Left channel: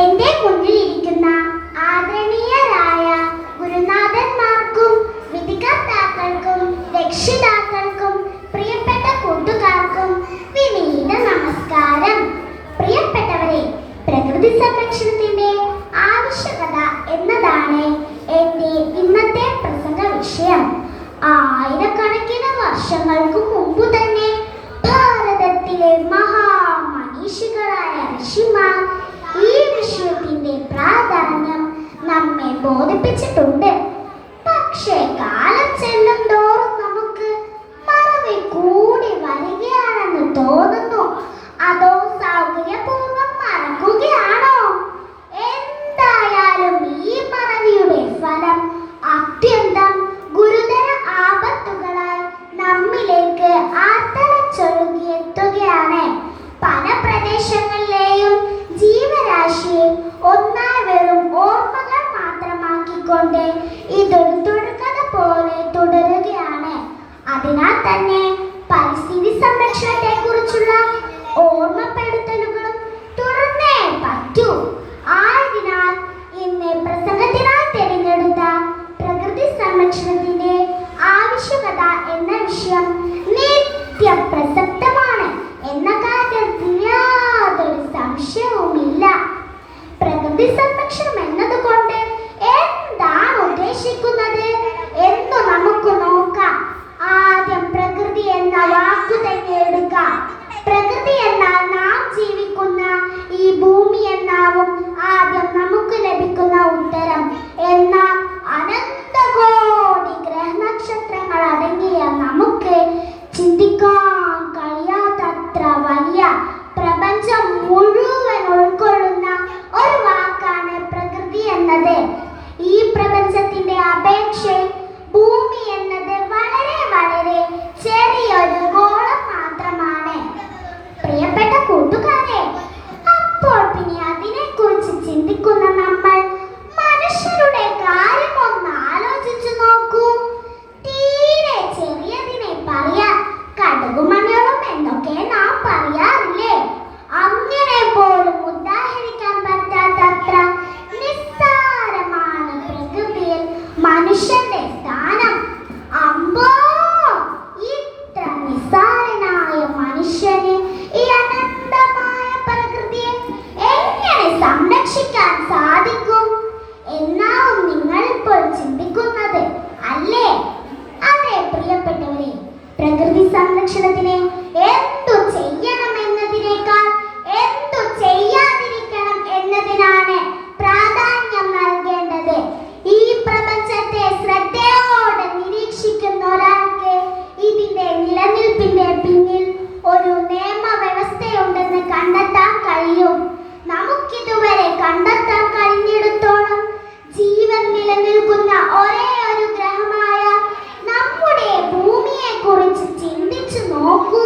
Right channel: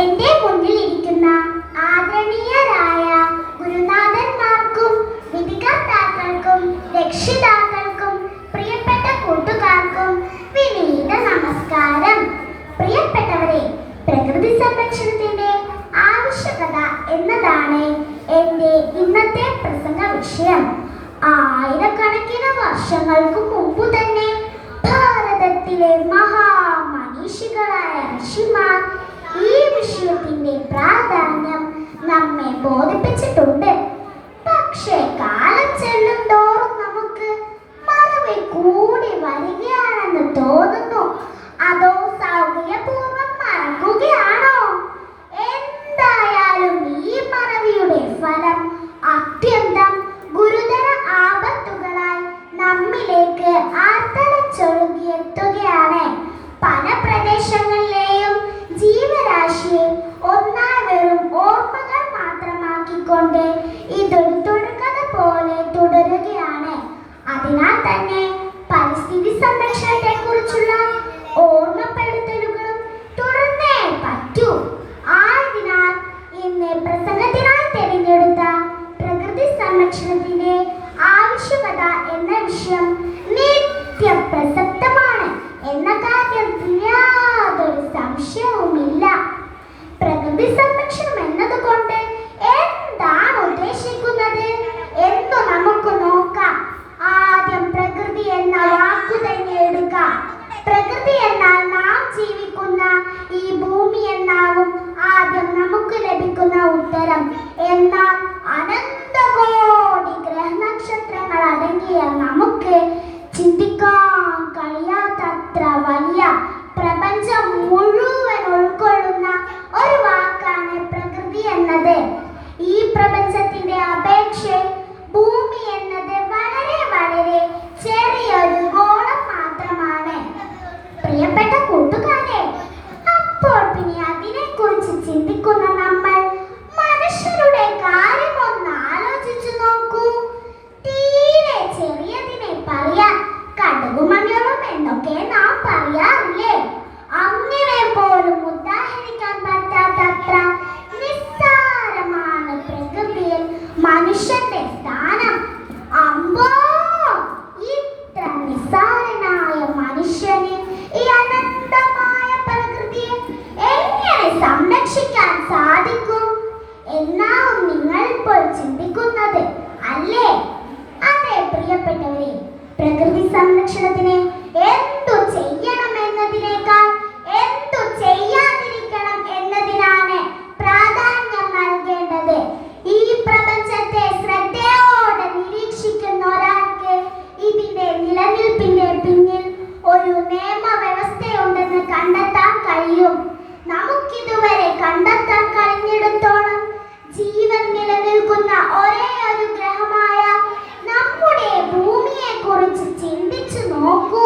എന്റെ മുന്നിലിരിക്കുന്ന ആദരണീയരായ ഗുരുനാഥന്മാർക്കും വിധികർത്താക്കൾക്കും രക്ഷിതാക്കൾക്കും പ്രിയപ്പെട്ട കൂട്ടുകാർക്കും വിനീത നമസ്കാരം. പ്രിയപ്പെട്ടവരെ, പ്രകൃതി സംരക്ഷണത്തിന്റെ ആവശ്യകത എന്നതാണ് എന്റെ ഇന്നത്തെ പ്രസംഗ വിഷയം. ആയിരക്കണക്കിന് വർഷങ്ങൾക്ക് മുമ്പ് തന്നെ ഭാരതത്തിലെ മഹാമനീഷികളായ ഋഷിമാർ ഈ വിഷയത്തിന്റെ പ്രാധാന്യം നമ്മെ ബോധിപ്പിച്ചിട്ടുണ്ട്. പക്ഷേ കാലം ചെല്ലും തോറും നമുക്ക് മറവി കൂടി വരികയാണെന്ന് തോന്നുന്നു. അതോ സൗകര്യപൂർവ്വം മറക്കുകയാണോ? എന്തായാലും ഈ മറവിയുടെ ഫലം അത്യന്തം ഗുരുതര ആപത്തുകളായി നമ്മിലേക്ക് ആർത്തലച്ചൊഴുകിയെത്തുകയാണ്. പല പ്രദേശങ്ങളിലെയും ജീവരാശിയെ ഒന്നായി വെറും ഓർമ്മകൾ മാത്രമാക്കിക്കൊണ്ട് ഇതൊരു തുടർക്കഥ പോലെ തുടരുകയാണ്. അതിനാൽ തന്നെ പരിസ്ഥിതി സംരക്ഷണത്തെ കുറിച്ചുള്ള ഓർമ്മപ്പെടുത്തലുകളും തുടർന്നേ പറ്റൂ. ആയതിനാൽ ഇന്ന് പ്രസംഗത്തിനായി തിരഞ്ഞെടുത്ത പ്രകൃതി സംരക്ഷണത്തിന്റെ ആവശ്യകത എന്ന വിഷയം നിത്യപ്രസക്തമാണ് എന്ന കാര്യത്തിൽ യാതൊരു സംശയവുമില്ല. പ്രകൃതി സംരക്ഷണം എന്നതുകൊണ്ട് എന്താണ് ഉദ്ദേശിക്കുന്നത് എന്ന് നമുക്ക് നോക്കാം. ആദ്യം പ്രകൃതി എന്ന വാക്കു തന്നെ എടുക്കാം. പ്രകൃതി എന്നാൽ നാം ജീവിക്കുന്ന ഈ ഭൂമി എന്നാവും ആദ്യം നമുക്ക് ലഭിക്കുന്ന ഉത്തരം. എന്നാൽ അനന്തകോടി ഗ്രഹനക്ഷത്രങ്ങൾ അടങ്ങിയ നമുക്ക് ചിന്തിക്കാൻ കഴിയാത്തത്ര വലിയ പ്രപഞ്ചം മുഴുവൻ ഉൾക്കൊള്ളുന്ന ഒരു വാക്കാണ് പ്രകൃതി എന്നത്. ഈ പ്രപഞ്ചത്തിന്റെ അപേക്ഷയിൽ ഭൂമി എന്നത് വളരെ വളരെ ചെറിയൊരു ഗോളം മാത്രമാണ്. പ്രിയപ്പെട്ട കൂട്ടുകാരെ, അപ്പോൾ പിന്നെ അതിനെക്കുറിച്ച് ചിന്തിക്കുന്ന നമ്മൾ മനുഷ്യരുടെ കാര്യം ഒന്ന് ആലോചിച്ചു നോക്കൂ. തീരെ ചെറിയതിനെ പറയാൻ കടുകുമണികളും എന്നൊക്കെ നാം പറയാറില്ലേ? അങ്ങനെ പോലും ഉദാഹരിക്കാൻ പറ്റാത്തത്ര നിസ്സാരമാണ് പ്രകൃതിയിൽ മനുഷ്യന്റെ സ്ഥാനം. അമ്പോ, ഇത്ര നിസ്സാരനായ മനുഷ്യന് ഈ അനന്തമായ പ്രകൃതിയെ എങ്ങനെ സംരക്ഷിക്കാൻ സാധിക്കും എന്നാവും നിങ്ങളിപ്പോൾ ചിന്തിക്കുന്നത് അല്ലേ? അതെ പ്രിയപ്പെട്ടവരെ, പ്രകൃതി സംരക്ഷണത്തിന് എന്തു ചെയ്യണം എന്നതിനേക്കാൾ എന്തു ചെയ്യാതിരിക്കണം എന്നതിനാണ് പ്രാധാന്യം നൽകേണ്ടത്. ഈ പ്രപഞ്ചത്തെ ശ്രദ്ധയോടെ നിരീക്ഷിക്കുന്ന ഒരാൾക്ക് ഇതിന്റെ നിലനിൽപ്പിന്റെ പിന്നിൽ ഒരു നിയമവ്യവസ്ഥയുണ്ടെന്ന് കണ്ടെത്താൻ കഴിയും. നമുക്കിതുവരെ കണ്ടെത്താൻ കഴിഞ്ഞിടത്തോളം ജീവൻ നിലനിൽക്കുന്ന ഒരേ ഒരു ഗ്രഹമായ നമ്മുടെ ഭൂമിയെ കുറിച്ച് ചിന്തിച്ചു നോക്കൂ.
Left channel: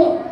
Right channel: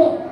ദൈവത്തിന്റെ